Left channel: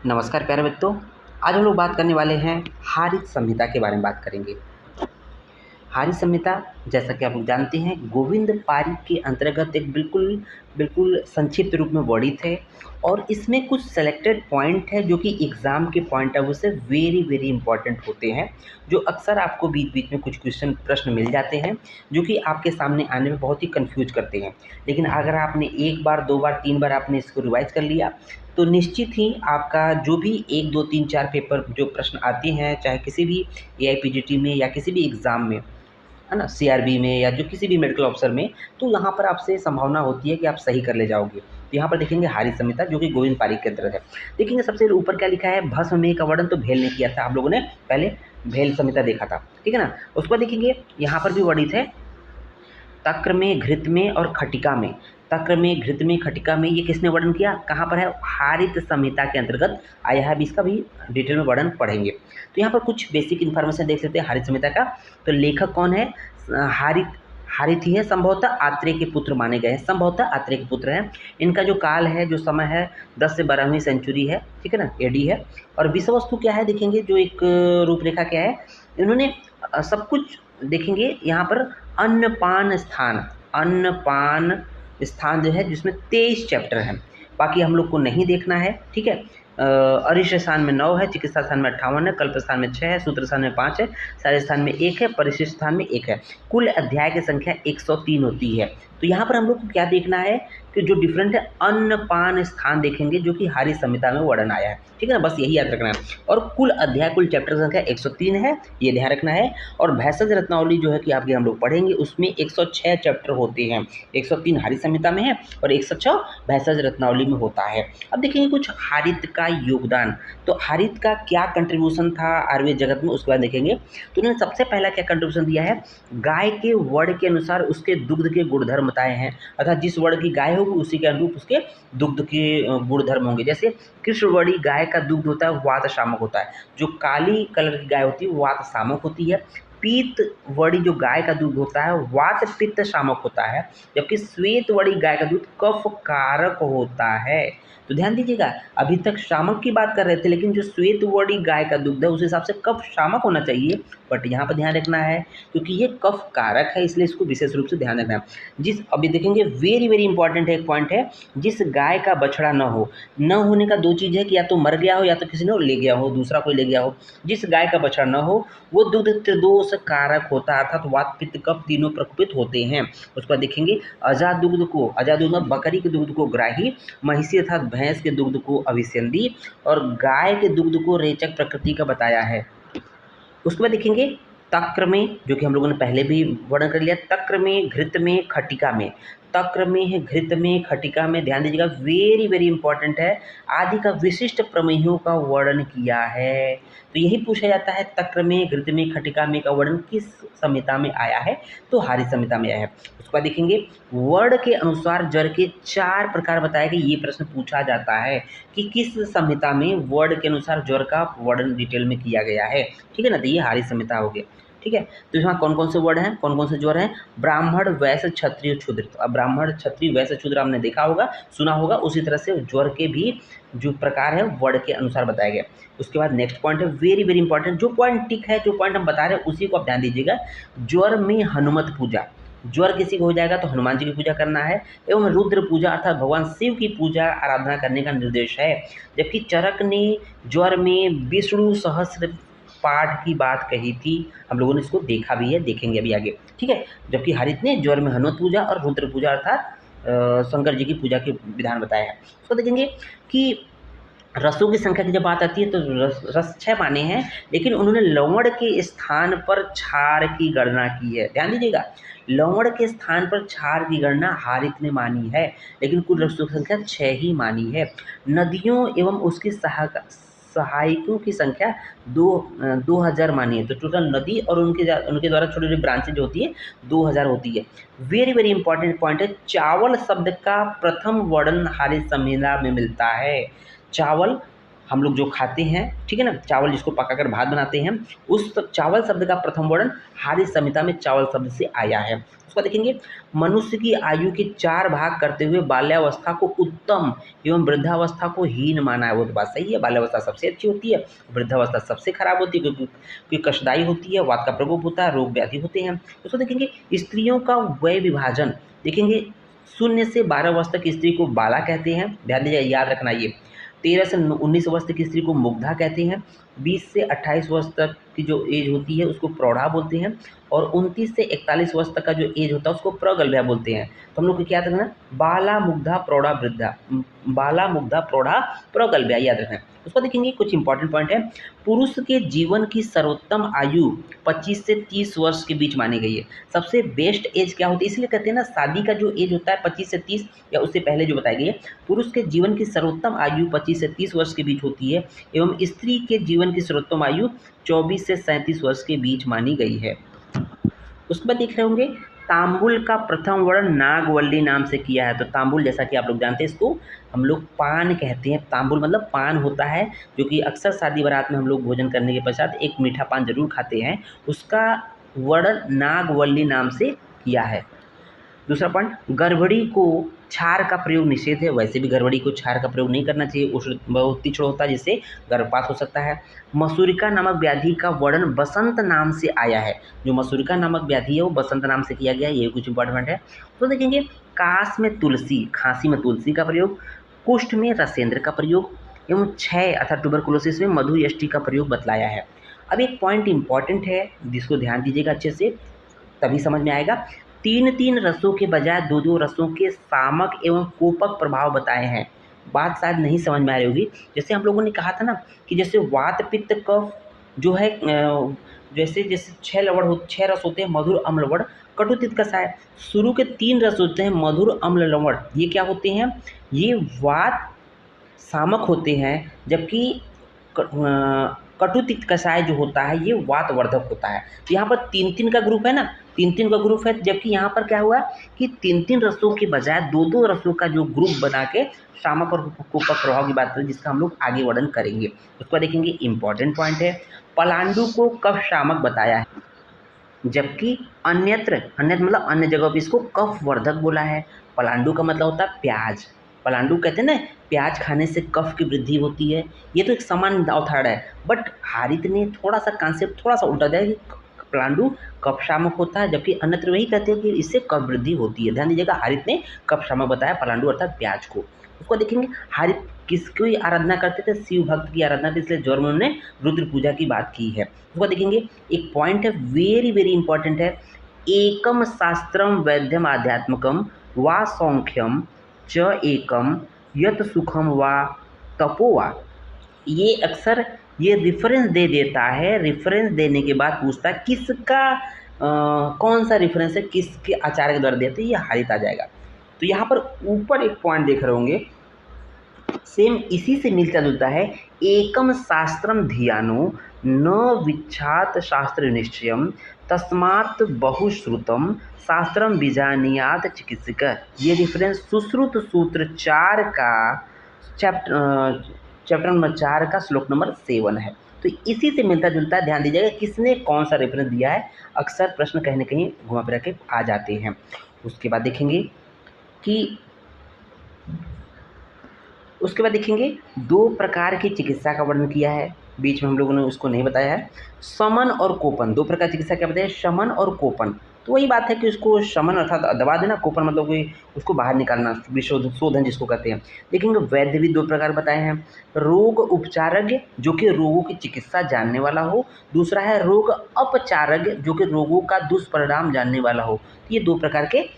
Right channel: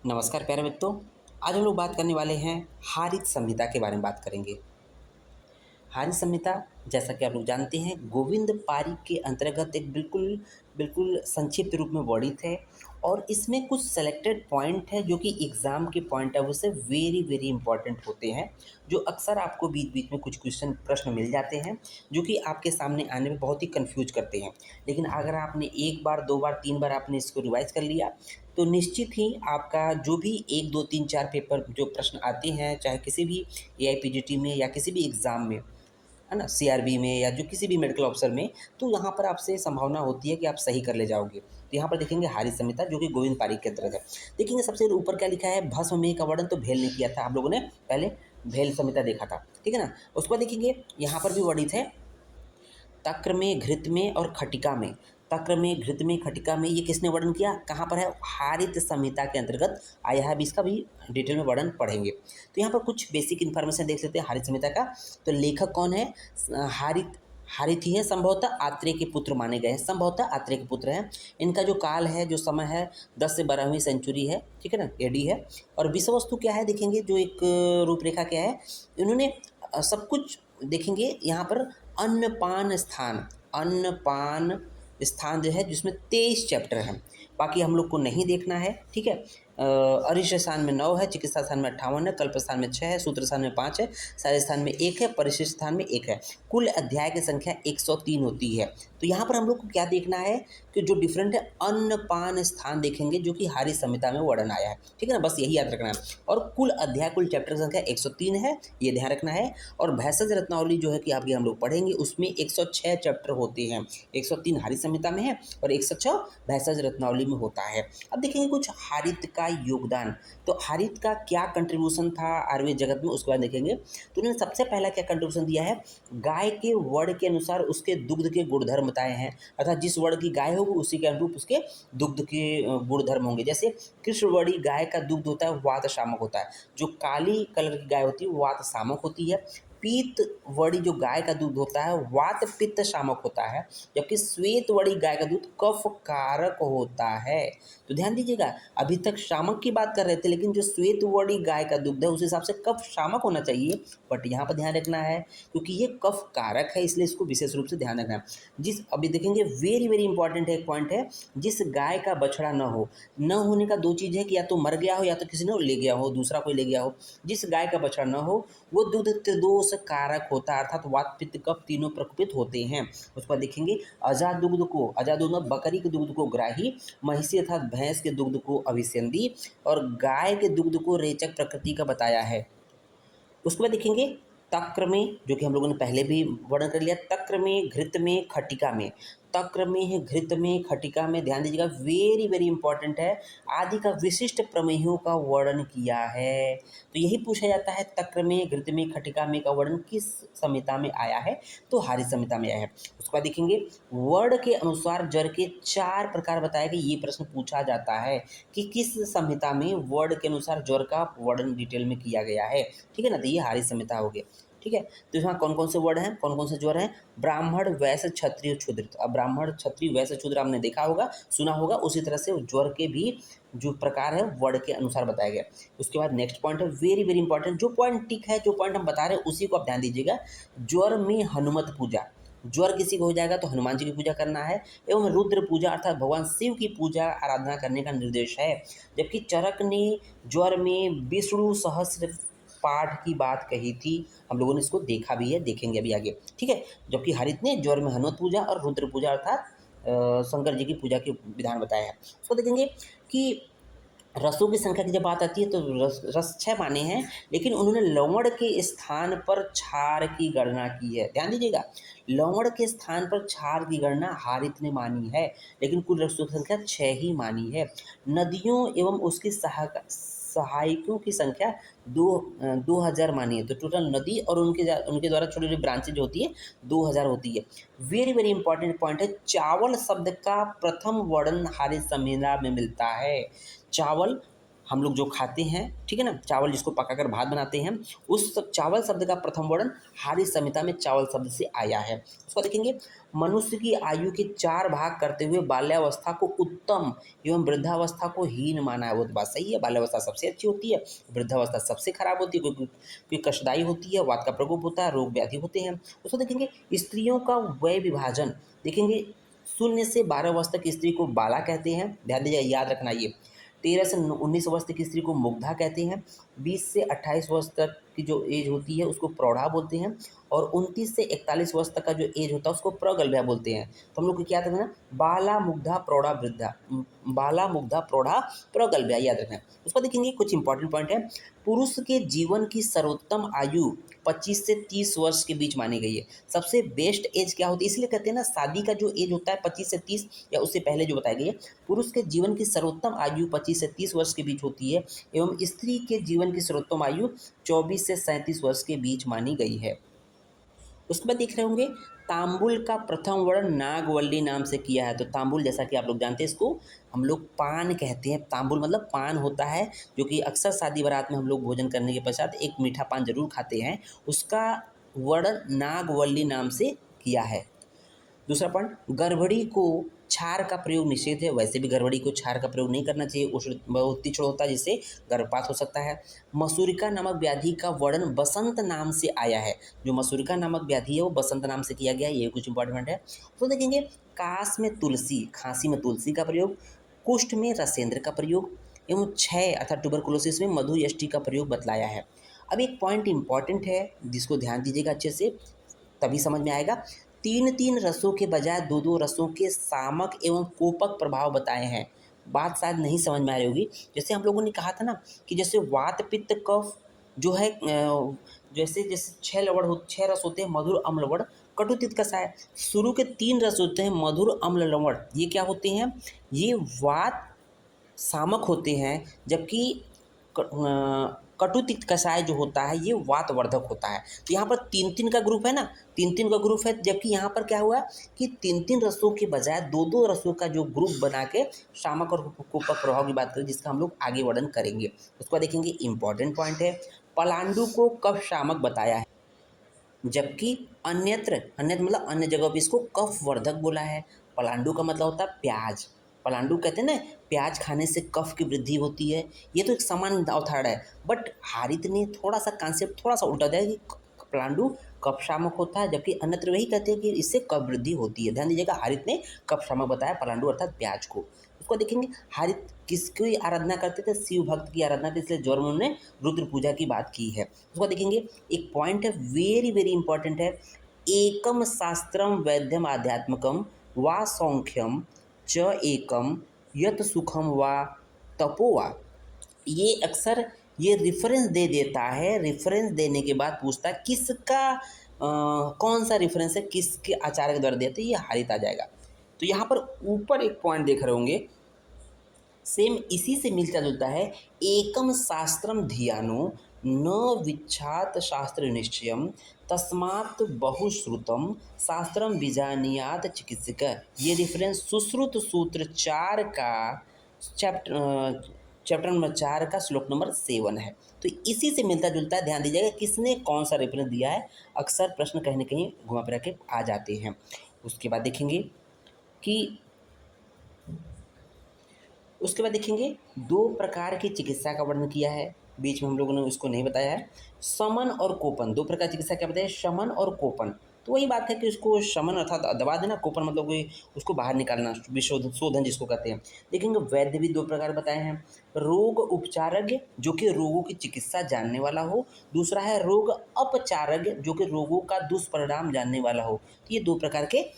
नमस्कार प्यारे बच्चों। आज हम लोग बात करने वाले हैं हारित संहिता के बारे में बात करेंगे। हारित संहिता जैसा कि आप लोग जानते हैं गोविंद पारिक के अंतर्गत एक बिल्कुल बिल्कुल संक्षिप्त रूप में वर्णित है और इसमें कुछ सेलेक्टेड पॉइंट है जो कि एग्ज़ाम के पॉइंट ऑफ व्यू से वेरी वेरी इंपॉर्टेंट होते हैं, जो अक्सर आपको बीच बीच में कुछ क्वेश्चन प्रश्न मिल जाते हैं जो कि आपके सामने आने में बहुत ही कंफ्यूज करते हैं। लेकिन अगर आपने एक बार, दो बार, तीन बार आपने इसको रिवाइज कर लिया तो निश्चित ही आपका जो भी एक, दो, तीन, चार पेपर जो प्रश्न आते हैं, चाहे किसी भी एआईपीजीटी में या किसी भी एग्ज़ाम में, है ना, सीआरबी में या जो किसी भी मेडिकल ऑफिसर में, तो यहाँ पर आपसे संभावना होती है कि आप सही कर ले जाओगे। तो यहाँ पर देखेंगे हारित संहिता जो कि गोविंद पारिक के अंतर्गत है। देखेंगे सबसे ऊपर क्या लिखा है, भस्म में का वर्णन तो भेल ने किया था, आप लोगों ने पहले भेल संहिता देखा था, ठीक है ना। उसके बाद देखेंगे यहाँ पर भी वर्णित है तक्र में, घृत में और खटिका में। तक्र में, घृत में, खटिका में, ये किसने वर्णन किया, कहाँ पर है, हारित संहिता के अंतर्गत आया है। अभी इसका भी डिटेल में वर्णन पढ़ेंगे। तो यहाँ पर कुछ बेसिक इन्फॉर्मेशन देख लेते हैं हारित संहिता का। तो लेखक कौन है, हारित हारित ही है, संभवतः आत्रेय के पुत्र माने गए हैं, संभवतः आत्रेय के पुत्र हैं। इनका जो काल है, जो समय है, 10 से 12वीं सेंचुरी है, ठीक है ना, एडी है। और विषय वस्तु क्या है देखेंगे, जो एक रूपरेखा क्या है, इन्होंने सब कुछ देखेंगे यहाँ पर। अन्नपान स्थान, अन्नपान स्थान जो है जिसमें 23 चैप्टर हैं, बाकी हम लोग को नहीं देखना है, ठीक है। अरिष्ट स्थान में 9 है, चिकित्सा स्थान में 58 है, कल्प स्थान में 6 है, सूत्र स्थान में 5 है, सारे स्थान में 1 है, परिशिष्ट स्थान में 1 है। कुल अध्याय की संख्या 103 होती है। तो यहाँ पर हम लोग को क्या देखना है कि जो डिफरेंट है, अन्नपान स्थान देखेंगे जो कि हारित संहिता में वर्णन आया है, ठीक है ना, बस यही याद रखना है। और कुल अध्याय, कुल चैप्टर की संख्या 103 है, ये ध्यान रखना है। और भैषज रत्नावली जो है कि आगे हम लोग पढ़ेंगे, उसमें 106 चैप्टर होते हैं। 103 हारित संहिता में है और 106 भैषज रत्नावली में होता है। अब देखेंगे कुछ हारित का योगदान। तो हारित का क्या कंट्रीब्यूशन था आयुर्वेद जगत में, उसके बाद देखेंगे। तो उन्होंने सबसे पहला क्या कंट्रीब्यूशन दिया है, गाय के वर्ण के अनुसार उसके दुग्ध के गुणधर्म बताए हैं, अर्थात जिस वर्ण की गाय होगी उसी के अनुरूप उसके दुग्ध के गुणधर्म होंगे। जैसे कृष्णवर्णी गाय का दुग्ध होता है वात शामक होता है, जो काली कलर की गाय होती है वो वात शामक होती है। पीत वर्णी जो गाय का दूध होता है वात पित्त शामक होता है, जबकि श्वेत वर्णी गाय का दूध कफ कारक होता है। तो ध्यान दीजिएगा, अभी तक शामक की बात कर रहे थे, लेकिन जो श्वेत वर्णी गाय का दूध है उस हिसाब से कफ शामक होना चाहिए, बट यहाँ पर ध्यान रखना है क्योंकि ये कफ कारक है, इसलिए इसको विशेष रूप से ध्यान रखना है। जिस अभी देखेंगे वेरी वेरी इंपॉर्टेंट है, एक पॉइंट है, जिस गाय का बछड़ा न हो, न होने का दो चीज़ है कि या तो मर गया हो या तो किसी ने ले गया हो, दूसरा कोई ले गया हो। जिस गाय का बछड़ा न हो वो दुग्ध त्रिदोष कारक होता है, अर्थात वात पित्त कफ तीनों प्रकोपित होते हैं। उसके बाद देखेंगे अजा दुग्ध को, अजा दुग्ध बकरी के दुग्ध को ग्राही, महिषी अर्थात भैंस के दुग्ध को अभिसंधी और गाय के दुग्ध को रेचक प्रकृति का बताया है। उसके बाद देखेंगे तक्र में, जो कि हम लोगों ने पहले भी वर्णन कर लिया, तक्र में, घृत में, खटिका में। तक्र में है, घृत में, खटिका में, ध्यान दीजिएगा वेरी वेरी इंपॉर्टेंट है, आदि का विशिष्ट प्रमेयों का वर्णन किया है। तो यही पूछा जाता है तक्र में, घृत में, खटिका में का वर्णन किस संहिता में आया है, तो हारित संहिता में आया है। उसके बाद देखेंगे वर्ण के अनुसार जर के 4 प्रकार बताए गए, ये प्रश्न पूछा जाता है कि किस संहिता में वर्ण के अनुसार ज्वर का वर्णन डिटेल में किया गया है, ठीक है ना। तो ये हारित संहिता हो गई, ठीक है। तो यहाँ कौन कौन से वर्ड हैं, कौन कौन से ज्वर हैं, ब्राह्मण, वैश्य, क्षत्रिय, शूद्र। तो अब ब्राह्मण, क्षत्रिय, वैश्य, शूद्र आपने देखा होगा, सुना होगा, उसी तरह से ज्वर के भी जो प्रकार है वर्ण के अनुसार बताया गया। उसके बाद नेक्स्ट पॉइंट है वेरी वेरी इंपॉर्टेंट, जो पॉइंट टिक है, जो पॉइंट हम बता रहे हैं उसी को आप ध्यान दीजिएगा। ज्वर में हनुमत पूजा, ज्वर किसी को हो जाएगा तो हनुमान जी की पूजा करना है, एवं रुद्र पूजा अर्थात भगवान शिव की पूजा आराधना करने का निर्देश है। जबकि चरक ने ज्वर में विष्णु सहस्र पाठ की बात कही थी, हम लोगों ने इसको देखा भी है, देखेंगे अभी आगे, ठीक है। जबकि हारित ने ज्वर में हनुमत पूजा और रुद्र पूजा अर्थात शंकर जी की पूजा के विधान बताया है। उसको देखेंगे कि रसों की संख्या की जब बात आती है तो रस 6 माने हैं, लेकिन उन्होंने लवण के स्थान पर क्षार की गणना की है। ध्यान दीजिएगा, लवण के स्थान पर क्षार की गणना हारित ने मानी है, लेकिन कुल रसों की संख्या 6 ही मानी है। नदियों एवं उसकी सहायकों की संख्या 2000 मानी है। तो टोटल नदी और उनके द्वारा छोटी छोटी ब्रांचेज जो होती है 2000 होती है। वेरी वेरी इंपॉर्टेंट पॉइंट है, चावल शब्द का प्रथम वर्णन हारित संहिता में मिलता है। चावल हम लोग जो खाते हैं, ठीक है ना, चावल जिसको पकाकर भात बनाते हैं, उस चावल शब्द का प्रथम वर्ण हारी संहिता में चावल शब्द से आया है। उसको देखेंगे, मनुष्य की आयु के 4 भाग करते हुए बाल्यावस्था को उत्तम एवं वृद्धावस्था को हीन माना है। वो तो बात सही है, बाल्यावस्था सबसे अच्छी होती है, वृद्धावस्था सबसे खराब होती है, क्योंकि कष्टदायी होती है, वात का प्रकोप होता है, रोग व्याधि होते हैं। उसको देखेंगे, स्त्रियों का वय विभाजन देखेंगे, 0 से 12 वर्ष तक स्त्री को बाला कहते हैं, ध्यान दीजिए, याद रखना ये। 13 से 19 वर्ष तक की स्त्री को मुग्धा कहते हैं। 20 से 28 वर्ष तक की जो एज होती है उसको प्रौढ़ा बोलते हैं, और 29 से 41 वर्ष तक का जो एज होता है उसको प्रगल्भा बोलते हैं। तो हम लोग को क्या याद रखना, बाला मुग्धा प्रौढ़ा वृद्धा, बाला मुग्धा प्रौढ़ा प्रगल्भा याद रखना है। उसको देखेंगे, कुछ इंपॉर्टेंट पॉइंट है। पुरुष के जीवन की सर्वोत्तम आयु 25 से 30 वर्ष के बीच मानी गई है। सबसे बेस्ट एज क्या होती है, इसलिए कहते हैं ना, शादी का जो एज होता है 25 से 30 या उससे पहले जो बताई गई है, पुरुष के जीवन की सर्वोत्तम आयु 25 से 30 वर्ष के बीच होती है, एवं स्त्री के जीवन की सर्वोत्तम आयु 24 से 37 वर्ष के बीच मानी गई है। उसके बाद देख रहे होंगे, तांबुल का प्रथम वर्ण नागवल्ली नाम से किया है। तो तांबुल, जैसा कि आप लोग जानते हैं, इसको हम लोग पान कहते हैं। तांबुल मतलब पान होता है, जो कि अक्सर शादी बारात में हम लोग भोजन करने के पश्चात एक मीठा पान जरूर खाते हैं, उसका वर्ण नागवल्ली नाम से किया है। दूसरा पॉइंट, गड़बड़ी को क्षार का प्रयोग निषेध है। वैसे भी गड़बड़ी को क्षार का प्रयोग नहीं करना चाहिए, उष्ण बहुत तीक्ष्ण होता है, जिससे गर्भपात हो सकता है। मसूरिका नामक व्याधि का वर्णन बसंत नाम से आया है। जो मसूरिका नामक व्याधि है वो बसंत नाम से किया गया है, ये कुछ इंपॉर्टेंट है। तो देखेंगे, काश में तुलसी, खांसी में तुलसी का प्रयोग, कुष्ठ में रसेंद्र का प्रयोग, एवं क्षय अर्थात ट्यूबरकुलोसिस में मधुयष्टि का प्रयोग बतलाया है। अब एक पॉइंट इंपॉर्टेंट है, जिसको ध्यान दीजिएगा अच्छे से, तभी समझ में आएगा। 3-3 रसों के बजाय 2-2 रसों के सामक एवं कोपक प्रभाव बताए हैं। बात शायद नहीं समझ में आ रही होगी। जैसे हम लोगों ने कहा था ना कि जैसे वात पित्त कफ जो है, जैसे जैसे 6 रस होते हैं, मधुर अम्ल लवण कटु तिक्त कषाय। शुरू के 3 रस होते हैं, मधुर अम्ल लवण, ये क्या होते हैं, ये वात सामक होते हैं, जबकि कटु तिक्त कषाय जो होता है ये वातवर्धक होता है। तो यहाँ पर 3-3 का ग्रुप है ना, 3-3 का ग्रुप है, जबकि यहाँ पर क्या हुआ कि 3-3 रसों के बजाय 2-2 रसों का जो ग्रुप बना के शामक और कोपक प्रभाव की बात करें, जिसका हम लोग आगे वर्णन करेंगे। उसको देखेंगे, इंपॉर्टेंट पॉइंट है, पलांडु को कफ शामक बताया है, जबकि अन्यत्र, अन्यत्र मतलब अन्य जगह पर इसको कफ वर्धक बोला है। पलांडु का मतलब होता है प्याज। पलांडु कहते हैं ना, प्याज खाने से कफ की वृद्धि होती है। ये तो एक सामान्य अवधारणा है, बट हारित ने थोड़ा सा कॉन्सेप्ट थोड़ा सा उल्टा दिया कि पलांडु कफ शामक होता है, जबकि अन्यत्र वही कहते हैं कि इससे कफ वृद्धि होती है। ध्यान दीजिएगा, हारित ने कफ शामक बताया पलांडु अर्थात प्याज को। उसको देखेंगे, हारित किसकी आराधना करते थे, शिव भक्त की आराधना थी, इसलिए जौहर में उन्होंने रुद्र पूजा की बात की है। उसको देखेंगे, एक पॉइंट है वेरी वेरी इंपॉर्टेंट है, एकम शास्त्रम वैद्यम आध्यात्मकम वा सौख्यम च एकम यत सुखम वा तपो वा। ये अक्सर ये रेफरेंस दे देता है, रेफरेंस देने के बाद पूछता है किसका कौन सा रेफरेंस है, किसके आचार्य के द्वारा देते हैं, ये हारित आ जाएगा। तो यहाँ पर ऊपर एक पॉइंट देख रहे होंगे, सेम इसी से मिलता जुलता है, एकम शास्त्रम धियानो न विच्छात शास्त्र निश्चयम तस्मात् बहुश्रुतम शास्त्रम बीजानियात चिकित्सक। ये रेफरेंस सुश्रुत सूत्र 4 का चैप्टर नंबर 4 का श्लोक नंबर 7 है। तो इसी से मिलता जुलता है, ध्यान दीजिएगा किसने कौन सा रेफरेंस दिया है, अक्सर प्रश्न कहीं ना कहीं घुमा फिरा के आ जाते हैं। उसके बाद देखेंगे कि दो प्रकार की चिकित्सा का वर्णन किया है, बीच में हम लोगों ने उसको नहीं बताया है। शमन और कोपन, दो प्रकार की चिकित्सा क्या बताया, शमन और कोपन। तो वही बात है कि उसको शमन अर्थात दबा देना, कोपन मतलब कोई उसको बाहर निकालना, शोधन जिसको कहते हैं। देखेंगे, वैद्य भी 2 प्रकार बताए हैं, रोग उपचारज्ञ जो कि रोगों की चिकित्सा जानने वाला हो, दूसरा है रोग अपचारज्ञ जो कि रोगों का दुष्परिणाम जानने वाला हो। तो ये 2 प्रकार के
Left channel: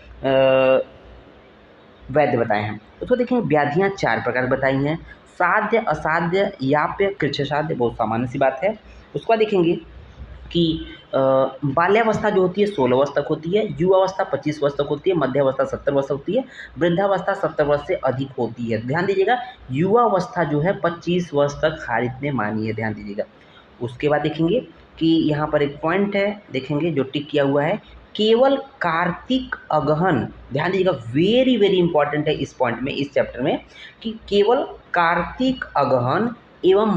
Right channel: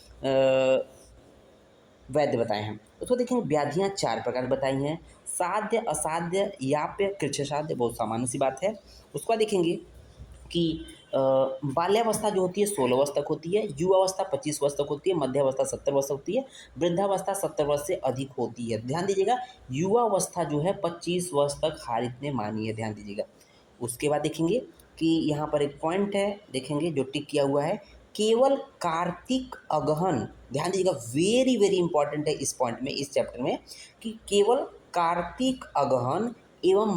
वैद्य बताए हैं। उसको देखेंगे, व्याधियाँ 4 प्रकार बताई हैं, साध्य, असाध्य, याप्य, कृच्छसाध्य, बहुत सामान्य सी बात है। उसको देखेंगे कि बाल्यावस्था जो होती है 16 वर्ष तक होती है, युवावस्था 25 वर्ष तक होती है, मध्यावस्था 70 वर्ष होती है, वृद्धावस्था 70 वर्ष से अधिक होती है। ध्यान दीजिएगा, युवावस्था जो है 25 वर्ष तक हारित ने मानी है, ध्यान दीजिएगा। उसके बाद देखेंगे कि यहाँ पर एक पॉइंट है, देखेंगे जो टिक किया हुआ है, केवल कार्तिक अगहन, ध्यान दीजिएगा वेरी वेरी इंपॉर्टेंट है इस पॉइंट में, इस चैप्टर में, कि केवल कार्तिक अगहन एवं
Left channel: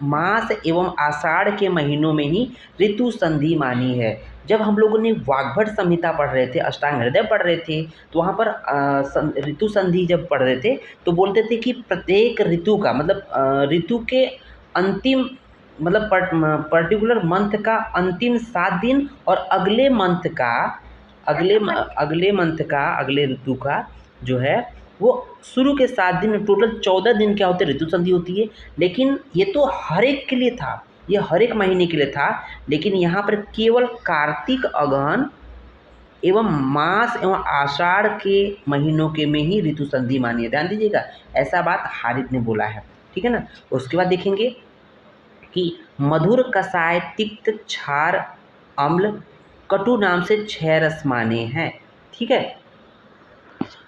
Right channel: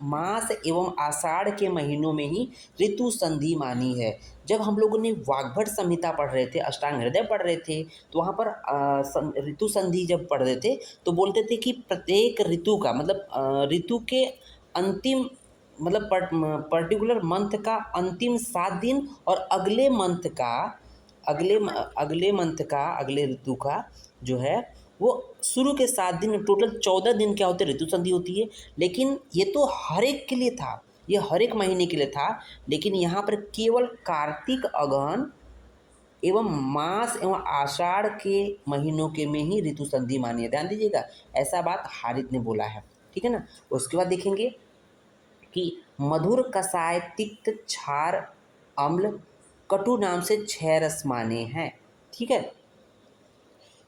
मास एवं आषाढ़ के महीनों में ही ऋतु संधि मानी है। जब हम लोगों ने वाग्भट संहिता पढ़ रहे थे, अष्टांग हृदय पढ़ रहे थे, तो वहाँ पर ऋतु संधि जब पढ़ रहे थे तो बोलते थे कि प्रत्येक ऋतु का मतलब ऋतु के अंतिम मतलब पर्टिकुलर मंथ का अंतिम 7 दिन और अगले मंथ का अगले ऋतु का जो है वो शुरू के 7 दिन, टोटल 14 दिन क्या होते हैं, ऋतु संधि होती है। लेकिन ये तो हर एक के लिए था, ये हर एक महीने के लिए था, लेकिन यहाँ पर केवल कार्तिक, अगहन एवं मास एवं आषाढ़ के महीनों के में ही ऋतु संधि मानी है। ध्यान दीजिएगा, ऐसा बात हारित ने बोला है, ठीक है ना। उसके बाद देखेंगे कि मधुर, कसाय, तिक्त, क्षार, अम्ल, कटु नाम से 6 रस माने हैं, ठीक है।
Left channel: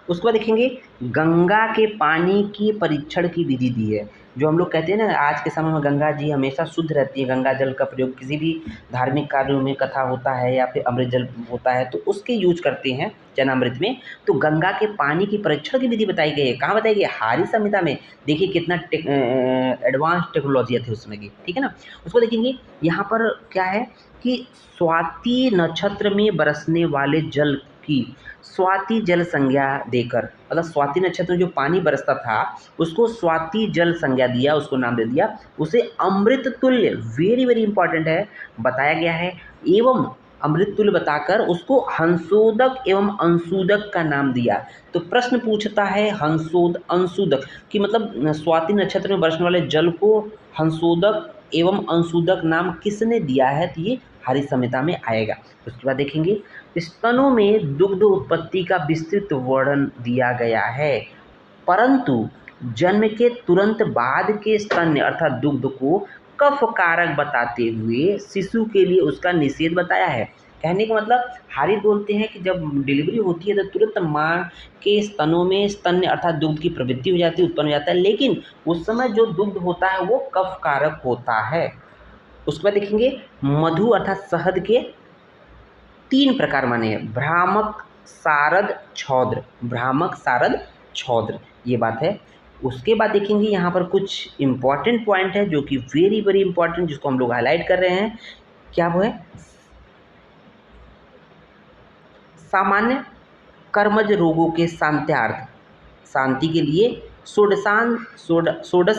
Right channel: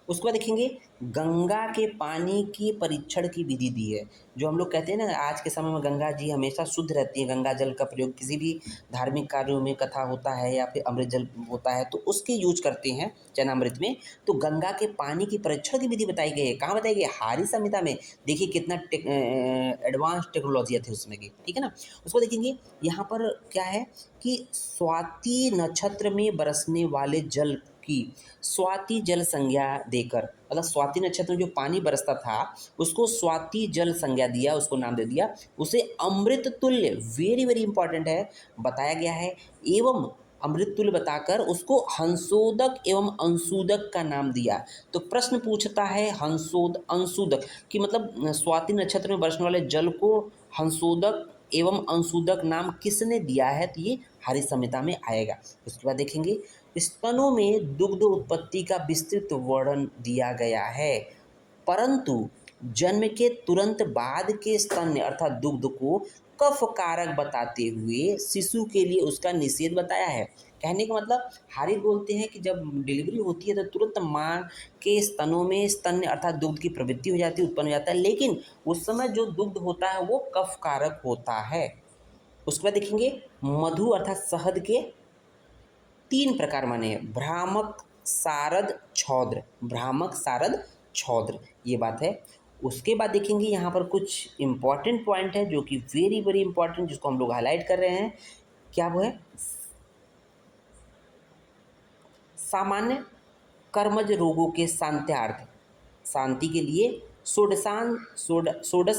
उसके बाद देखेंगे गंगा के पानी की परीक्षण की विधि दी है। जो हम लोग कहते हैं ना, आज के समय में गंगा जी हमेशा शुद्ध रहती है, गंगा जल का प्रयोग किसी भी धार्मिक कार्यों में, कथा होता है या फिर अमृत जल होता है तो उसके यूज करते हैं चरणामृत में। तो गंगा के पानी की परीक्षण की विधि बताई गई है। कहाँ बताई गई है? हारी संहिता में। देखिए कितना एडवांस टेक्नोलॉजी थी उसमें की, ठीक है ना। उसको देखेंगे यहाँ पर क्या है कि स्वाति नक्षत्र में बरसने वाले जल की स्वाति जल संज्ञा देकर, मतलब स्वाति नक्षत्र में जो पानी बरसता था उसको स्वाति जल संज्ञा दिया, उसको नाम दे दिया, उसे अमृत तुल्य, वेरी वेरी इंपॉर्टेंट है, बताया गया है। एवं अमृत तुल्य बताकर उसको हंसोदक एवं अंशुदक का नाम दिया। तो प्रश्न पूछता है अंशुदक कि मतलब स्वाति नक्षत्र में बरसने वाले जल को हंसोदक एवं अंशुदक नाम किसने दिया है, तो ये हरि संहिता में आएगा। उसके बाद देखेंगे स्तनों में दुग्ध उत्पत्ति का विस्तृत वर्णन दिया गया है, परंतु जन्म के तुरंत बाद के स्तन्य अर्थात दुग्ध को कफ कारक बताते हुए शिशु के लिए उसका निषेध बताया है। कहने का मतलब हारित बोलते हैं कि जब डिलीवरी होती है तो तुरंत माँ के स्तनों में स्तन्य अर्थात दुग्ध की प्रवृत्ति हो जाती है, उत्पन्न हो जाता है, लेकिन उस समय जो दुग्ध होता है वो कफ कारक होता है। उसके बाद देखेंगे मधु अर्थात शहद के 3 प्रकार माने हैं, भ्रामक, सारद, छौद्र। भ्रामक, सारद, छौद्र, ये बात है। उसके बाद देखेंगे यहाँ पर कुछ इंपॉर्टेंट पॉइंट है जो कि वेरी वेरी इंपॉर्टेंट, जिसको हम लोग हाईलाइट कर रहे हैं। क्या वो है? सामान्य कर्मज रोगों के शांति के लिए षोडश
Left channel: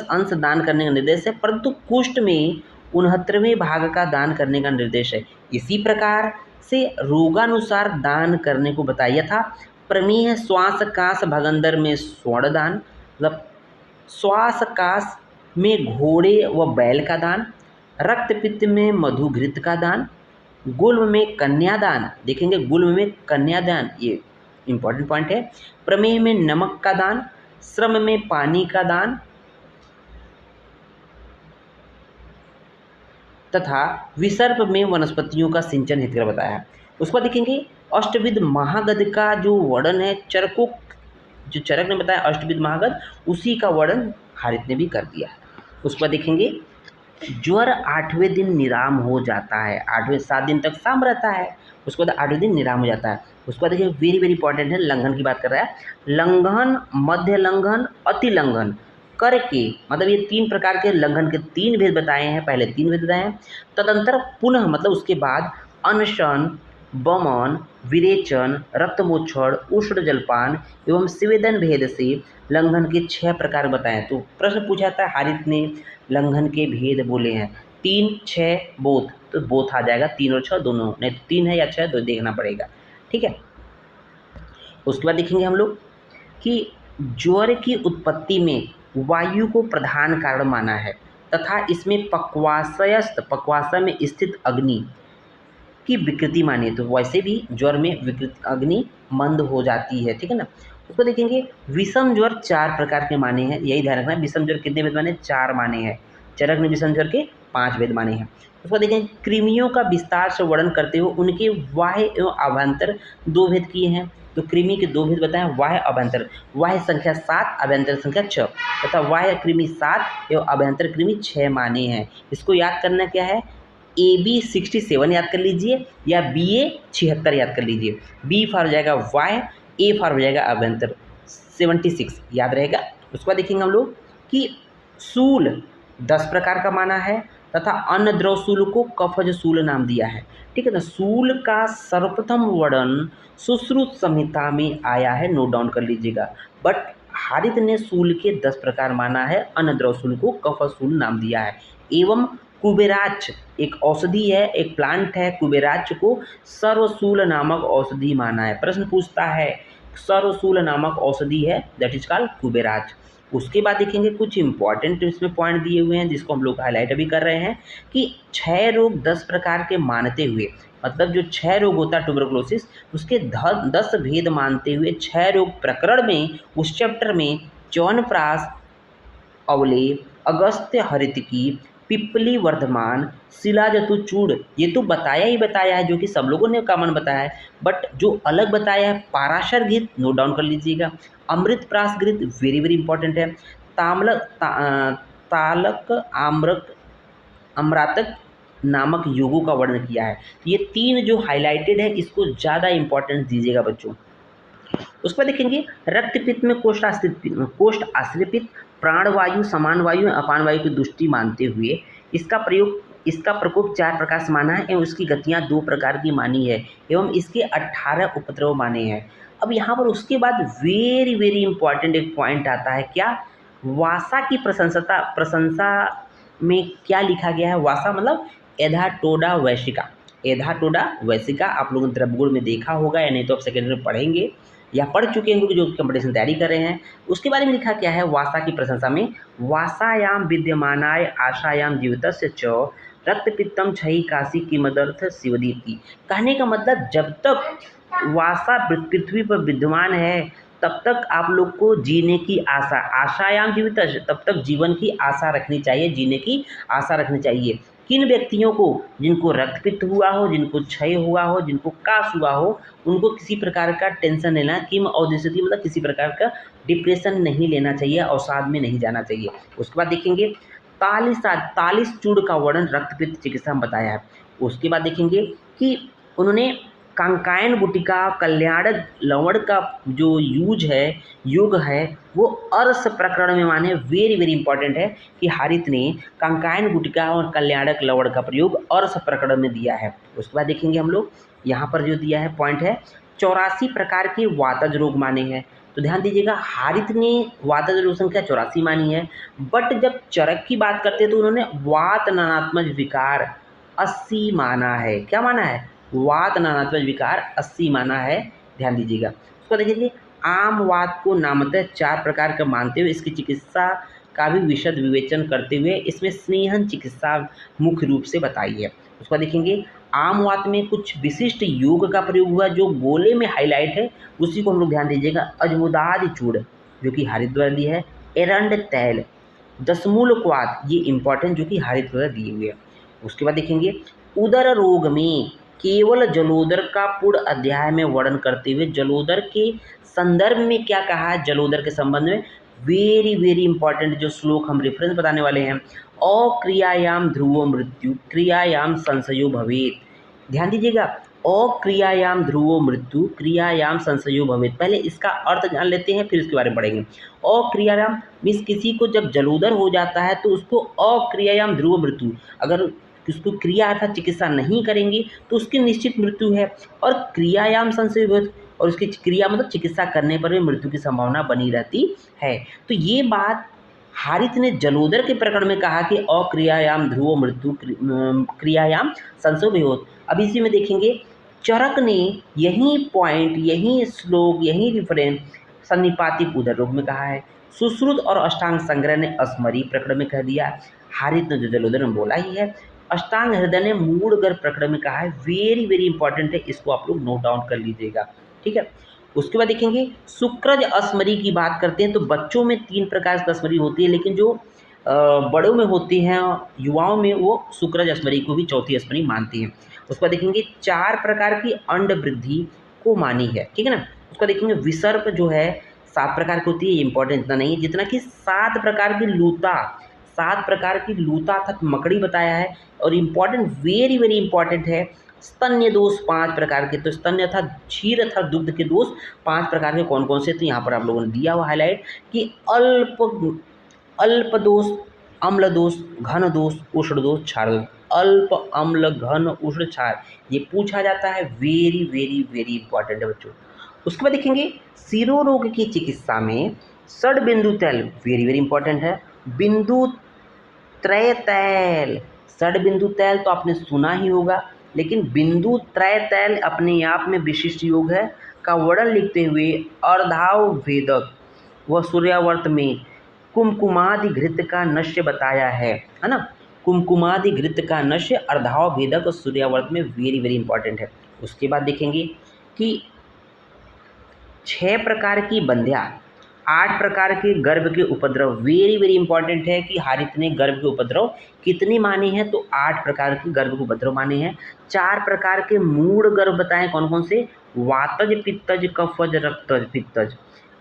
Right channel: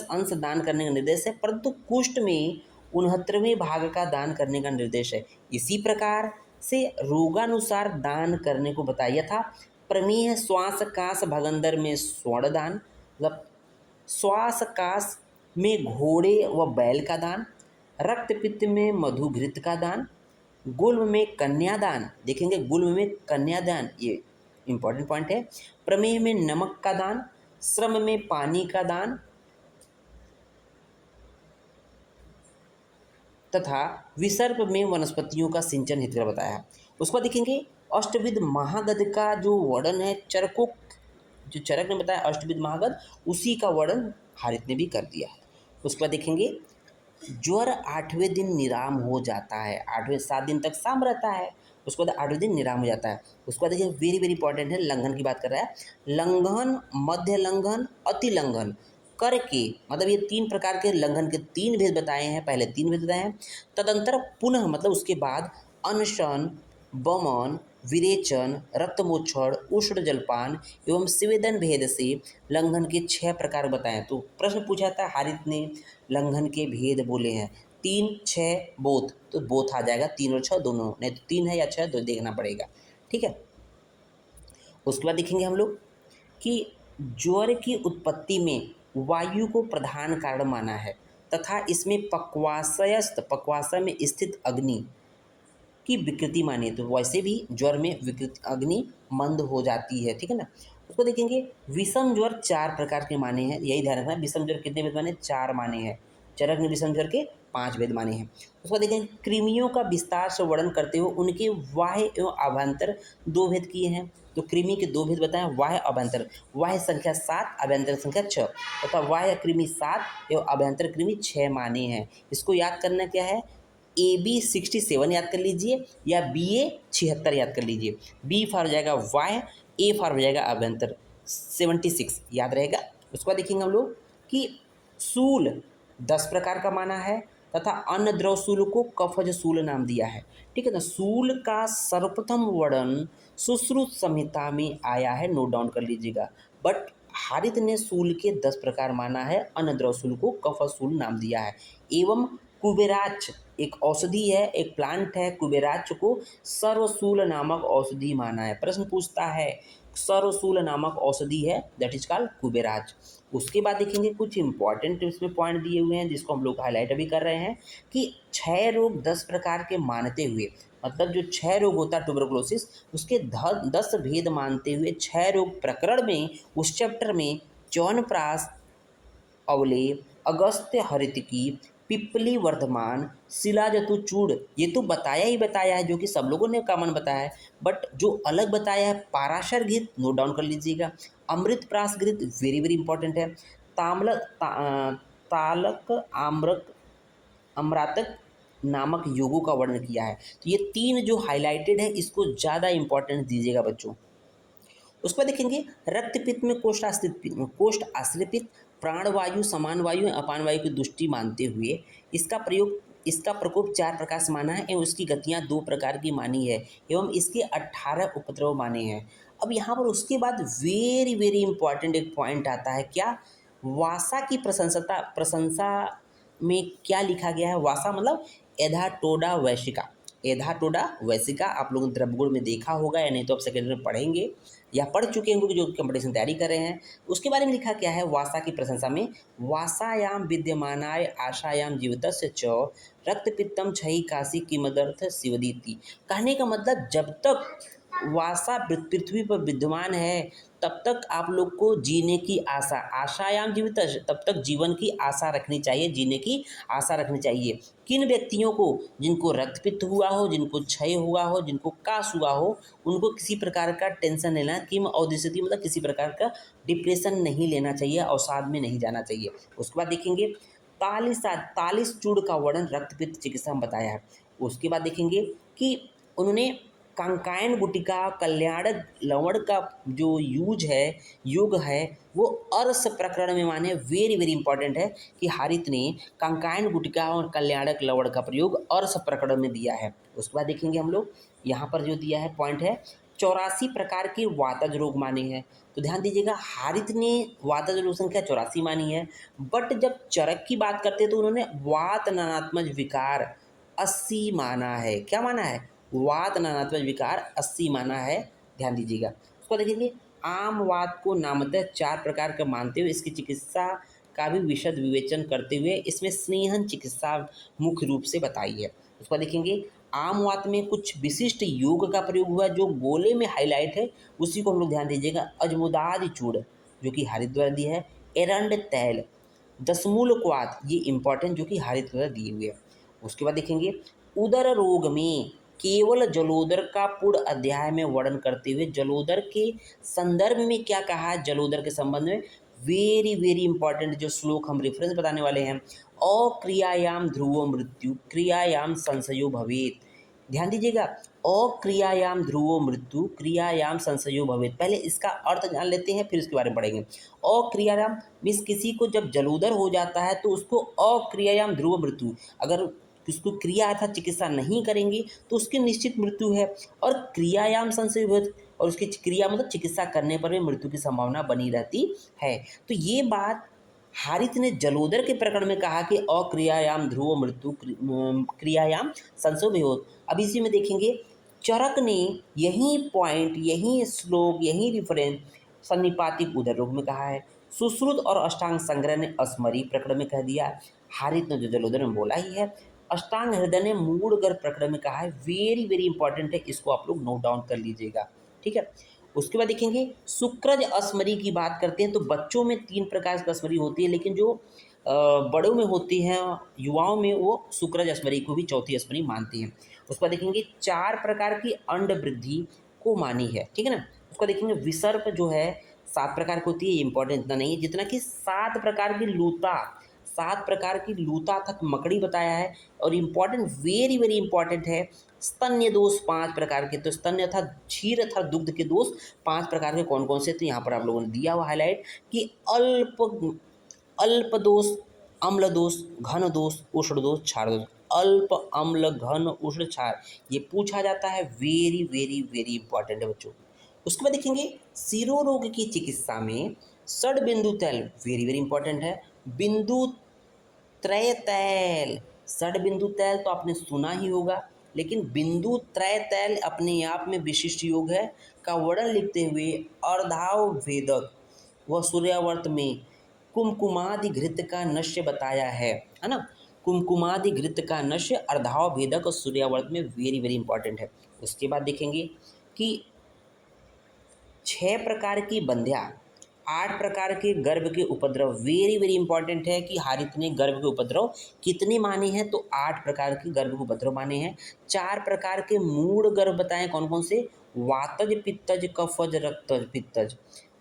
अंश दान करने का निर्देश है, परंतु कुष्ठ में 69वें भाग का दान करने का निर्देश है। इसी प्रकार से रोगानुसार दान करने को बताया था। प्रमेह श्वास काश भगंदर में स्वर्ण दान, मतलब श्वास काश में घोड़े व बैल का दान, रक्त पित्त में मधु घृत का दान, गुल्म में कन्यादान, देखेंगे गुल्म में कन्यादान, ये इंपॉर्टेंट पॉइंट है। प्रमेह में नमक का दान, श्रम में पानी का दान तथा विसर्प में वनस्पतियों का सिंचन हित कर बताया है। उसके बाद देखेंगे अष्टविध महागद का जो वर्णन है, जो चरक ने बताया अष्टविध महागद, उसी का वर्णन हारित ने भी कर दिया है। उसके बाद देखेंगे ज्वर 8वें दिन निराम हो जाता है, 7 दिन तक शाम रहता है, उसके बाद 8वें दिन निराम हो जाता है। उसके बाद देखिए वेरी वेरी इंपॉर्टेंट है, लंघन की बात कर रहा है। लंघन, मध्य लंघन, अति लंघन करके, मतलब ये 3 प्रकार के लंघन के 3 भेद बताए हैं, पहले 3 भेद बताए हैं। तदंतर पुनः मतलब उसके बाद अनशन, वमन, विरेचन, रक्तमोक्षण, उष्ण जलपान एवं स्वेदन भेद से लंघन के 6 प्रकार बताएं। तो प्रश्न पूछा था, हारित ने लंघन के भेद बोले हैं 3, 6, बोथ, तो बोथ आ जाएगा, 3 और 6 दोनों, नहीं तो 3 है या 6 तो देखना पड़ेगा, ठीक है। उसके बाद देखेंगे हम लोग कि ज्वर की उत्पत्ति में वायु को प्रधान कारण माना है तथा इसमें पक्वाशय में स्थित अग्नि की विकृति मानी है। तो वैसे भी ज्वर में विकृति अग्नि मंद हो जाती है, ठीक है ना। उसको देखेंगे विषम ज्वर 4 प्रकार के माने हैं, यही ध्यान रखना है। विषम ज्वर कितने भेद माने? 4 माने हैं। चरक ने विषम ज्वर के 5 भेद माने हैं। उसको देखेंगे कृमियों का विस्तार से वर्णन करते हुए उनके बाह्य एवं अभ्यंतर 2 भेद किए हैं। तो कृमि के 2 भेद बताएं, बाह्य अभ्यंतर। बाह्य संख्या 7, अभ्यंतर संख्या 6 तथा बाह्य कृमि 7 एवं अभ्यंतर कृमि 6 माने हैं। इसको याद करना क्या है, AB 67 याद कर लीजिए या BA 76 याद कर लीजिए। B फॉर हो जाएगा वाय, A फॉर हो जाएगा अभ्यंतर 76 याद रहेगा। उसके बाद देखेंगे हम लोग कि सूल 10 प्रकार का माना है तथा अन्य द्रव सूल को कफज सूल नाम दिया है। ठीक है, तो सूल का सर्वप्रथम वर्णन सुश्रुत संहिता में आया है, नोट डाउन कर लीजिएगा। बट हारित ने सूल के 10 प्रकार माना है, अन्य द्रव सूल को कफज सूल नाम दिया है। एवं कुबेराक्ष एक औषधि है, एक प्लांट है, कुबेराक्ष को सर्वसूल नामक औषधि माना है। प्रश्न पूछता है सर्वसूल नामक औषधि है, दैट इज कॉल्ड कुबेराक्ष। उसके बाद देखेंगे कुछ इंपॉर्टेंट इसमें पॉइंट दिए हुए हैं जिसको हम लोग हाईलाइट अभी कर रहे हैं कि 6 रोग 10 प्रकार के मानते हुए, मतलब जो 6 रोग होता है ट्यूबरकुलोसिस, उसके 10 भेद मानते हुए 6 रोग प्रकरण में उस चैप्टर में च्यवनप्राश, अवलेह, अगस्त्य हरितकी, पिप्पली वर्धमान, शिलाजतुचूड़, ये तो बताया ही बताया है, जो कि सब लोगों ने कॉमन बताया है। बट जो अलग बताया है पाराशर घृत, नोट डाउन कर लीजिएगा। अमृतप्राश घृत वेरी वेरी इंपॉर्टेंट है। तालक आम्रक अम्रातक नामक योगों का वर्णन किया है। तो ये 3 जो हाईलाइटेड है इसको ज़्यादा इंपॉर्टेंस दीजिएगा बच्चों। उसके बाद देखेंगे रक्तपित्त में कोष्ठ आश्रित पित्त, प्राणवायु, समान वायु, अपान वायु की दृष्टि मानते हुए इसका प्रकोप 4 प्रकार से माना है एवं उसकी गतियाँ 2 प्रकार की मानी है एवं इसके 18 उपद्रव माने हैं। अब यहाँ पर उसके बाद वेरी वेरी इंपॉर्टेंट एक पॉइंट आता है, क्या? वासा की प्रशंसा में क्या लिखा गया है? वासा मतलब एधाटोडा वैशिका। एधाटोडा वैशिका आप लोगों ने द्रव्यगुण में देखा होगा, या नहीं तो आप सेकेंडरी में पढ़ेंगे या पढ़ चुके हैं, जो कंपटीशन तैयारी कर रहे हैं। उसके बारे में लिखा क्या है वासा की प्रशंसा में? वासायाम विद्यमानाय आशायाम जीवितस्य च रक्तपित्तम छही काशी किमदर्थ शिवदीति। कहने का मतलब जब तक वासा पृथ्वी पर विद्यमान है तब तक आप लोग को जीने की आशायाम जीवित, तब तक जीवन की आशा रखनी चाहिए, जीने की आशा रखनी चाहिए। किन व्यक्तियों को? जिनको रक्तपित्त हुआ हो, जिनको क्षय हुआ हो, जिनको काश हुआ हो, उनको किसी प्रकार का टेंशन लेना, किम औदिशति मतलब किसी प्रकार का डिप्रेशन नहीं लेना चाहिए, अवसाद में नहीं जाना चाहिए। उसके बाद देखेंगे तालिस चूड़ का वर्णन रक्तपित्त चिकित्सा में बताया है। उसके बाद देखेंगे कि उन्होंने कांकायन गुटिका कल्याणक लवण का जो योग है वो अर्स प्रकरण में माने। वेरी वेरी इंपॉर्टेंट है कि हारित ने कांकायन गुटिका और कल्याणक लवण का प्रयोग अर्स प्रकरण में दिया है। उसके बाद देखेंगे हम लोग यहाँ पर जो दिया है पॉइंट है 84 प्रकार के वातज रोग माने हैं। तो ध्यान दीजिएगा हारित ने वातज रोग संख्या 84 मानी है, बट जब चरक की बात करते हैं तो उन्होंने वात नानात्मज विकार 80 माना है। क्या माना है? वात नानात्मज विकार 80 माना है, ध्यान दीजिएगा। उसको देखिए आम वात को नामतः 4 प्रकार का मानते हुए इसकी चिकित्सा का भी विशद विवेचन करते हुए इसमें स्नेहन चिकित्सा मुख्य रूप से बताई है। उसको देखेंगे आम वात में कुछ विशिष्ट योग का प्रयोग हुआ जो गोले में हाईलाइट है, उसी को हम लोग ध्यान दीजिएगा। अजमुदादि चूड़ जो कि हरित द्वारा दी है, एरंड तैल, दशमूल क्वाथ ये इंपॉर्टेंट जो कि हरित द्वारा दी हुई है। उसके बाद देखेंगे उदर रोग में केवल जलोदर का पूर्ण अध्याय में वर्णन करते हुए जलोदर के संदर्भ में क्या कहा है, जलोदर के संबंध में वेरी वेरी इंपॉर्टेंट जो श्लोक हम रेफरेंस बताने वाले हैं। अक्रियायाम ध्रुवो मृत्यु क्रियायाम संशयो भवेत। ध्यान दीजिएगा अक्रियायाम ध्रुवो मृत्यु क्रियायाम संशयो भवेत। पहले इसका अर्थ जान लेते हैं फिर इसके बारे में पढ़ेंगे। अक्रियायाम मीन्स किसी को जब जलोदर हो जाता है तो उसको अक्रियायाम ध्रुव मृत्यु, अगर उसको क्रिया अर्थात चिकित्सा नहीं करेंगे तो उसकी निश्चित मृत्यु है। और क्रियायाम संशय भवेत, और उसकी क्रिया मतलब चिकित्सा करने पर भी मृत्यु की संभावना बनी रहती है। तो ये बात हारित ने जलोदर के प्रकरण में कहा कि अक्रियायाम ध्रुवो मृत्यु क्रियायाम संशय भवेत। अब इसी में देखेंगे चरक ने यही पॉइंट, यही श्लोक, यही रिफरेंस सन्निपातिक उदर रोग में कहा है। सुश्रुत और अष्टांग संग्रह ने अस्मरी प्रकरण में कह दिया। हारित ने जो जलोदर में बोला ही है। अष्टांग हृदय ने मूढ़गर प्रकरण में कहा है। वेरी वेरी इंपॉर्टेंट है, इसको आप लोग नोट डाउन कर लीजिएगा, ठीक है। उसके बाद देखेंगे शुक्रज अस्मरी की बात करते हैं तो बच्चों में 3 प्रकार की अस्मरी होती है, लेकिन जो बड़ों में होती हैं युवाओं में वो शुक्रज अस्मरी को भी चौथी अस्मरी मानती हैं। उसके बाद देखेंगे 4 प्रकार की अंड वृद्धि को मानी है, ठीक है ना। उसका देखेंगे विसर्प जो है 7 प्रकार की होती है, इंपॉर्टेंट इतना नहीं है जितना कि 7 प्रकार की लूता, 7 प्रकार की लूता अर्थात मकड़ी बताया है। और इम्पॉर्टेंट वेरी वेरी इंपॉर्टेंट है स्तन्य दोष 5 प्रकार के। तो स्तन्य अर्थात क्षीर अर्थात दुग्ध के दोष 5 प्रकार के कौन कौन से? तो यहाँ पर आप लोगों ने दिया हुआ हाईलाइट कि अल्प दोष अम्ल दोष, घन दोष, उष्ण दोष, क्षार दोष। अल्प, अम्ल, घन, उष्ण, क्षार, ये पूछा जाता है। वेरी वेरी वेरी इंपॉर्टेंट है बच्चों। उसके बाद देखेंगे सिरो रोग की चिकित्सा में षड बिंदु तैल, वेरी वेरी इंपॉर्टेंट है। बिंदु त्रय तैल, षड बिंदु तैल तो आपने सुना ही होगा, लेकिन बिंदु त्रय तैल अपने आप में विशिष्ट योग है का वर्णन लिखते हुए अर्धाव भेदक व सूर्यावर्त में कुमकुमादि घृत का नश्य बताया है ना। कुमकुमादि घृत का नश्य अर्धाव भेदक और सूर्यावर्त में वेरी वेरी इंपॉर्टेंट है। उसके बाद देखेंगे कि 6 प्रकार की बंध्या, 8 प्रकार के गर्भ के उपद्रव, वेरी वेरी इंपॉर्टेंट है कि हारित ने गर्भ के उपद्रव कितने माने हैं, तो 8 प्रकार के गर्भ के उपद्रव माने हैं। 4 प्रकार के मूढ़ गर्भ बताएं कौन कौन से, वातज, पित्तज, कफज, रक्तज, पित्तज,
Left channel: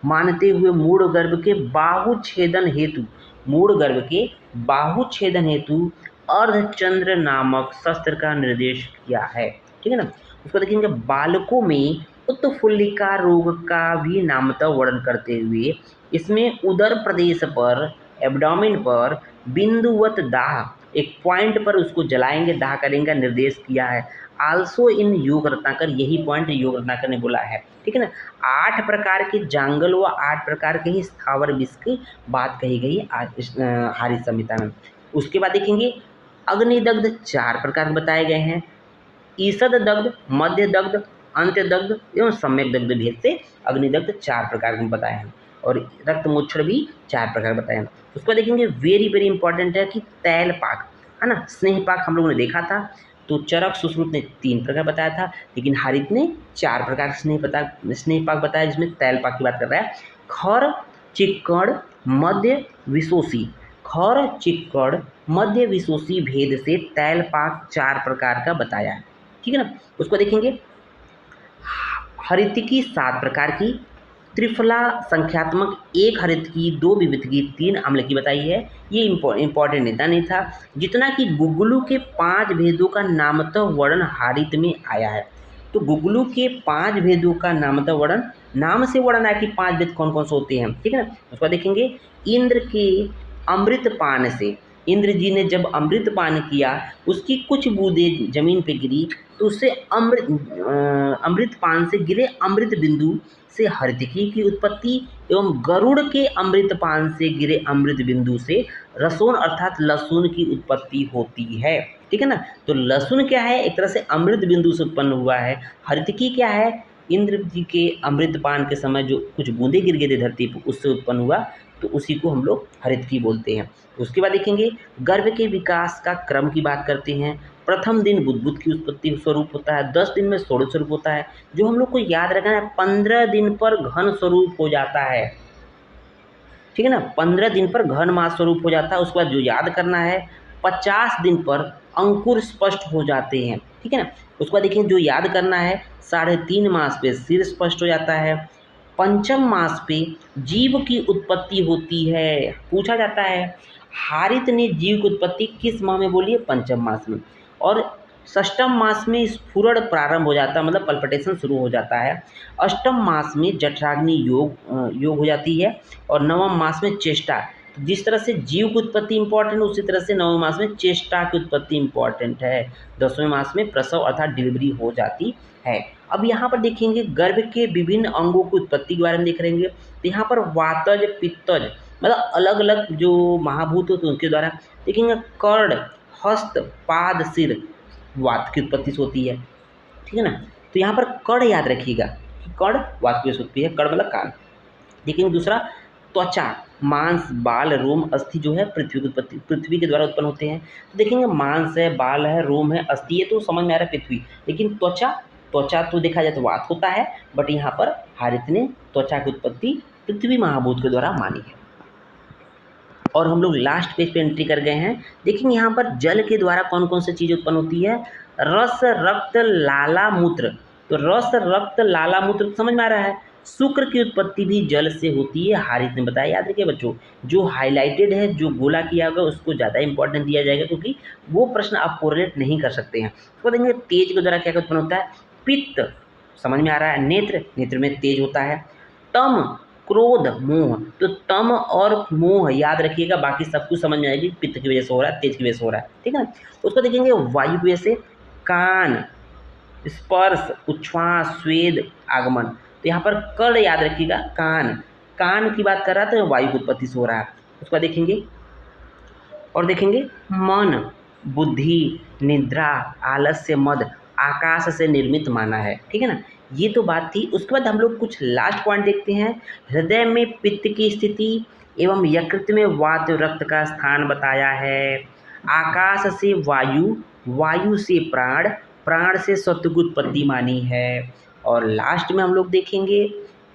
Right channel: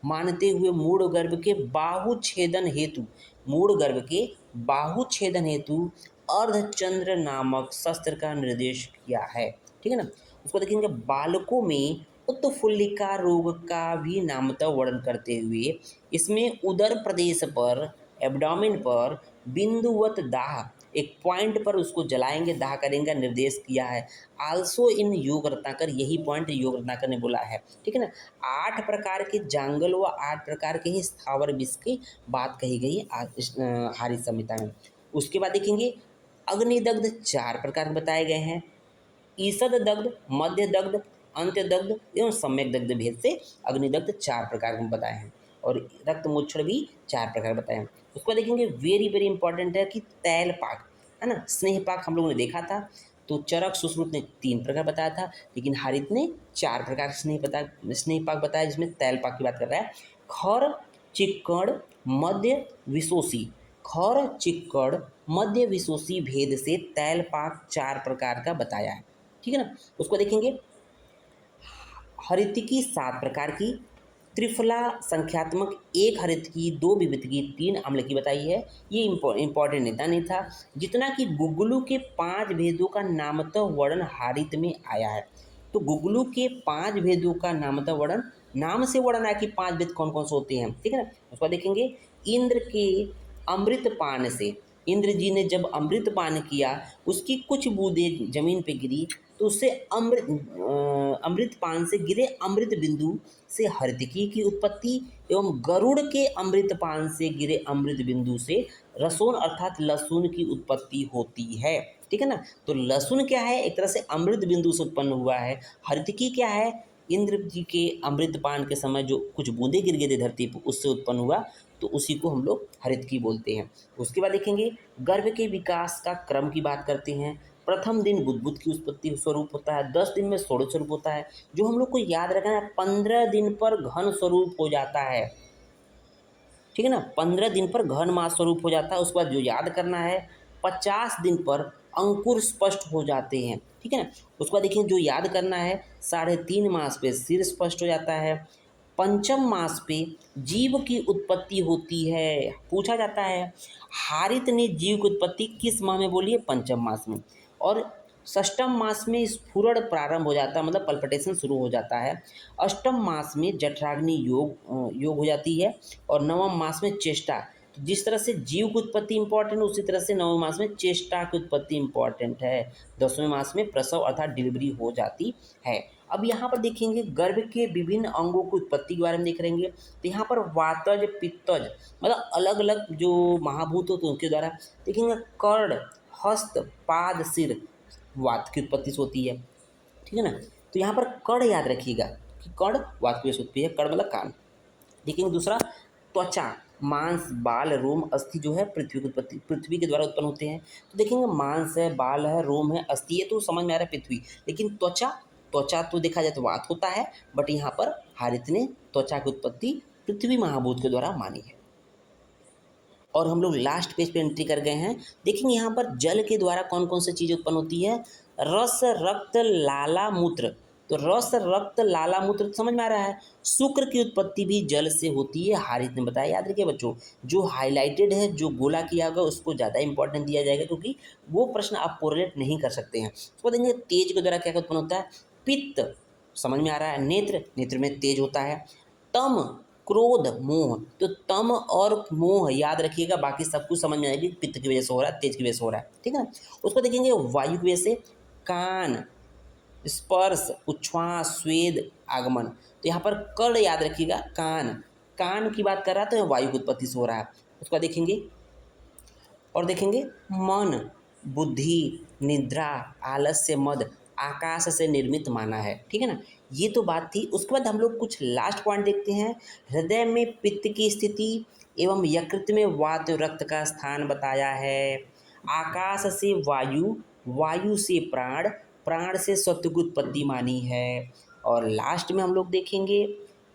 मानते हुए मूढ़ गर्भ के बाहु छेदन हेतु, मूढ़ गर्भ के बाहु छेदन हेतु अर्धचंद्र नामक शस्त्र का निर्देश किया है। ठीक है ना। उसको देखेंगे बालकों में उत्फुल्लिका रोग का भी नामतः वर्णन करते हुए इसमें उदर प्रदेश पर, एब्डोमेन पर बिंदुवत दाह, एक पॉइंट पर उसको जलाएंगे, दाह करेंगे, निर्देश किया है। आल्सो इन योग रत्नाकर, यही पॉइंट योग रत्नाकर ने बोला है। ठीक है ना। 8 प्रकार के जांगल व 8 प्रकार के ही स्थावर विष की बात कही गई हारित संहिता में। उसके बाद देखेंगे अग्निदग्ध 4 प्रकार बताए गए हैं। ईषद दग्ध, मध्य दग्ध, अंत्य दग्ध एवं सम्यक दग्ध भेद से अग्निदग्ध 4 प्रकार के बताए हैं। और रक्त मोक्षण भी 4 प्रकार बताए हैं। उसको देखेंगे वेरी वेरी इंपॉर्टेंट है कि तैल पाक, है ना, स्नेह पाक हम लोगों ने देखा था। तो चरक सुश्रुत ने 3 प्रकार बताया था, लेकिन हारित ने 4 प्रकार स्नेह पाक बताया, जिसमें तैल पाक की बात कर रहा है। खर, चिक्कड़, मध्य विशोषी, खर, चिक्कड़, मध्य विशोषी भेद से तैल पाक 4 प्रकार का बताया है। ठीक है ना। उसको देखेंगे हरित की 7 प्रकार की, त्रिफला संख्यात्मक, 1 हरित की, 2 विविध की, 3 अम्ल की बताई है। ये इंपॉर्टेंट नेता नहीं था। जितना कि गुगलू के 5 भेदों का नामतः वर्णन हारित में आया है। तो गुगलू के 5 भेदों का नामतः वर्णन, नाम से वर्णन आया कि 5 भेद कौन कौन से होते हैं। ठीक है ना। उसको देखेंगे इंद्र के अमृत पान से, इंद्र जी ने जब अमृत पान किया, उसकी कुछ बूंदें जमीन पे गिरी, तो उससे अमृत पान से गिरे अमृत बिंदु से हरितकी की उत्पत्ति, एवं गरुड़ के अमृत पान से गिरे अमृत बिंदु से रसोन अर्थात लहसुन की उत्पत्ति होती है। ठीक है ना। तो लहसुन क्या है, एक तरह से अमृत बिंदु से उत्पन्न हुआ है। हरितकी क्या है, इंद्र जी के अमृत पान के समय जो कुछ बूंदे गिर गए थे धरती पर, उससे उत्पन्न हुआ, तो उसी को हम लोग हरितकी बोलते हैं। उसके बाद देखेंगे गर्भ के विकास का क्रम की बात करते हैं। प्रथम दिन बुद्बुद की उत्पत्ति स्वरूप होता है, 10 दिन में षोडश स्वरूप होता है। जो हम लोग को याद रखना है, 15 दिन पर घन स्वरूप हो जाता है। ठीक है ना। 15 दिन पर घन मास स्वरूप हो जाता है। उसके बाद जो याद करना है, 50 दिन पर अंकुर स्पष्ट हो जाते हैं। ठीक है ना। उसके बाद देखिए जो याद करना है, 3.5 मास पे सिर स्पष्ट हो जाता है। पंचम मास पे जीव की उत्पत्ति होती है। पूछा जाता है हारित ने जीव की उत्पत्ति किस माह में बोली है, पंचम मास में। और षष्टम मास में स्फुरण प्रारंभ हो जाता है, मतलब पल्पिटेशन शुरू हो जाता है। अष्टम मास में जठराग्नि योग हो जाती है। और नवम मास में चेष्टा। तो जिस तरह से जीव की उत्पत्ति इंपॉर्टेंट, उसी तरह से नवम मास में चेष्टा की उत्पत्ति इंपॉर्टेंट है। 10वें मास में प्रसव अर्थात डिलीवरी हो जाती है। अब यहाँ पर देखेंगे गर्भ के विभिन्न अंगों की उत्पत्ति के बारे में देख लेंगे। तो यहाँ पर वातज, पित्तज, मतलब अलग अलग जो महाभूत होते हैं उनके द्वारा देखेंगे। कर्ण, हस्त, पाद, सिर वात की उत्पत्ति से होती है। ठीक है ना। तो यहाँ पर कर्ण याद रखिएगा कि कर्ण वात की उत्पत्ति है, कर्ण मतलब कान। लेकिन दूसरा त्वचा, मांस, बाल, रोम, अस्थि जो है पृथ्वी की उत्पत्ति, पृथ्वी के द्वारा उत्पन्न होते हैं। तो देखेंगे मांस है, बाल है, रोम है, अस्थि है, तो समझ में आ रहा है पृथ्वी। लेकिन त्वचा, त्वचा तो देखा जाए तो वात होता है, बट यहाँ पर हारित ने त्वचा की उत्पत्ति पृथ्वी महाभूत के द्वारा मानी है। और हम लोग लास्ट पेज पे एंट्री कर गए हैं। देखेंगे यहाँ पर जल के द्वारा कौन कौन सी चीज़ उत्पन्न होती है। रस, रक्त, लाला, मूत्र। तो रस, रक्त, लाला, मूत्र समझ में आ रहा है। शुक्र की उत्पत्ति भी जल से होती है, हारित ने बताया। याद रखिए बच्चों, जो हाईलाइटेड है, जो गोला किया होगा, उसको ज़्यादा इंपॉर्टेंस दिया जाएगा, क्योंकि वो प्रश्न आप कोरिलेट नहीं कर सकते हैं। उसको देखेंगे तेज के द्वारा क्या उत्पन्न होता है। पित्त समझ में आ रहा है। नेत्र, नेत्र में तेज होता है। तम, क्रोध, मोह। तो तम और मोह याद रखिएगा, बाकी सब कुछ समझ में आएगी। पित्त की वजह से हो रहा है, तेज की वजह से हो रहा है, ठीक है ना। उसको देखेंगे वायु की वजह से कान, स्पर्श, उच्छ्वास, स्वेद, आगमन। तो यहाँ पर कर्ण याद रखिएगा, कान। कान की बात कर रहा है तो वायु की उत्पत्ति से हो रहा है। उसका देखेंगे और देखेंगे मन, बुद्धि, निद्रा, आलस्य, मद, आकाश से निर्मित माना है, ठीक है ना। ये तो बात थी। उसके बाद हम लोग कुछ लास्ट पॉइंट देखते हैं। हृदय में पित्त की स्थिति एवं यकृत में वात रक्त का स्थान बताया है। आकाश से वायु, वायु से प्राण, प्राण से सत्व की उत्पत्ति मानी है। और लास्ट में हम लोग देखेंगे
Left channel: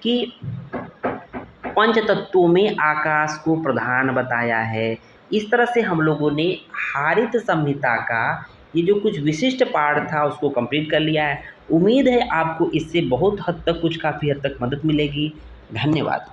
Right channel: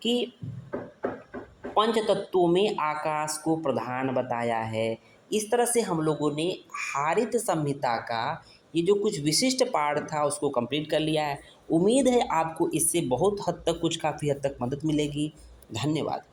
कि पंच तत्वों में आकाश को प्रधान बताया है। इस तरह से हम लोगों ने हारित संहिता का ये जो कुछ विशिष्ट पार्ट था उसको कंप्लीट कर लिया है। उम्मीद है आपको इससे बहुत हद तक, कुछ काफ़ी हद तक मदद मिलेगी। धन्यवाद।